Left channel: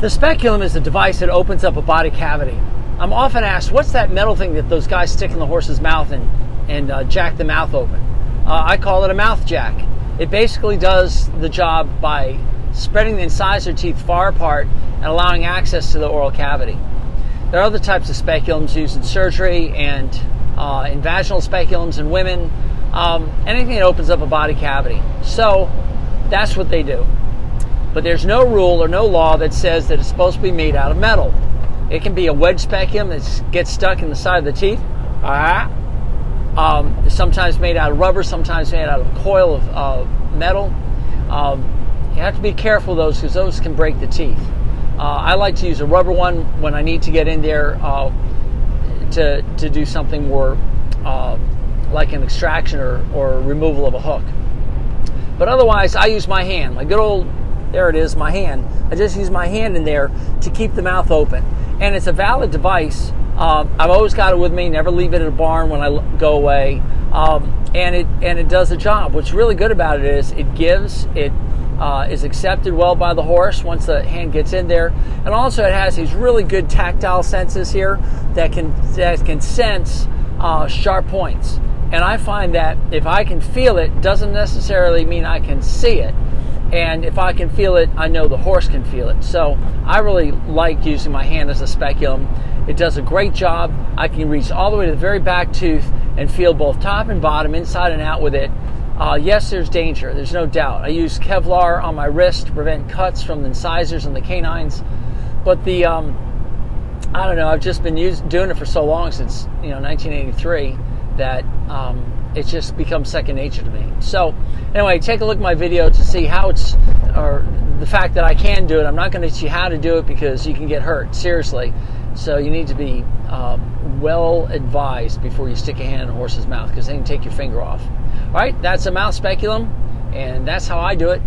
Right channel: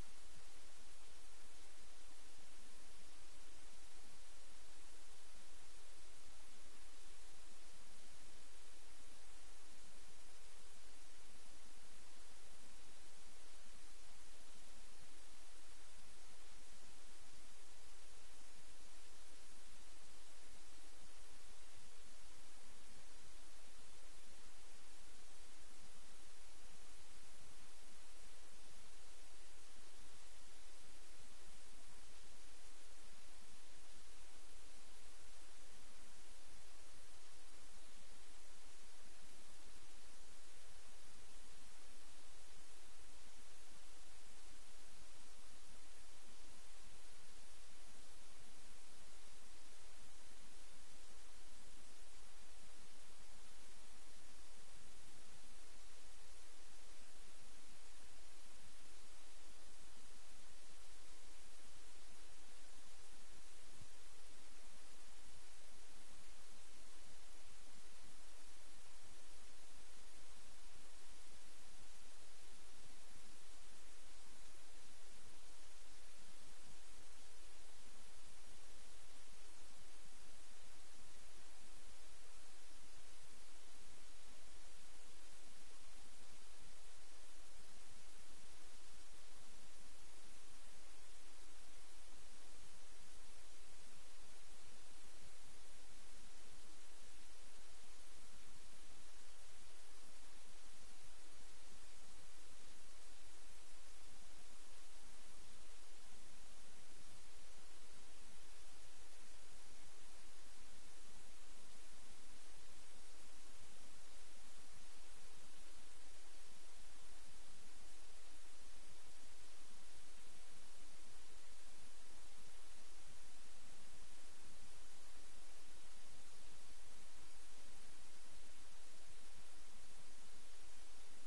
The speculum is a device that opens up a body cavity. I'm often asked, what's that metal thing that those guys stick in the horse's mouth and jack the mouth open? I call it a mouth jack. It basically does the job by spreading the incisor teeth far apart and allowing access to the oral cavity. There are other types of speculums used in surgery and in vaginal speculums in women, anything that opens up a body cavity. So that's what they do. But there's no rule or no law that says that it's supposed to be made out of metal. It can be a wedge speculum that gets stuck in the side of the teeth. Sometimes made out of rubber, sometimes made out of a coil of metal. You have to be careful of those because those can break the teeth. I like to use a rubber one when I need to get in there to do something more like an extraction or removal of a hook. But otherwise, I use my hand, my good old, there it is, my hand. I just use my hand in there to keep the mouth open. And it's a valid device. I've always got it with me, never leave it at a barn when I go away. And it does the job. What's really good about it is it gives, it is accepted well by the horse once the hand gets in there. And also it has these really good tactile senses here that can sense sharp points. And I find that if I can feel it, doesn't necessarily mean I can see it. And if I can feel it, I know the horse can feel it. So I really like using my hand as a speculum. It does a great job. I can reach all the way to the very back tooth and feel both top and bottom, inside and out with it. Yes, there's danger. There's no doubt. I use Kevlar on my wrist to prevent cuts from the incisors and the canines. But the, I don't know, I've just been doing it for so long, since 1983, that it's just become second nature to me. So anyway, take a look at my video to see how it's, or the fact that I can do it. I'm not going to teach you how to do it because you can get hurt, seriously. So you need to be well advised before you stick a hand in a horse's mouth, because they can take your finger off. All right, that's a mouth speculum, and that's how I do it.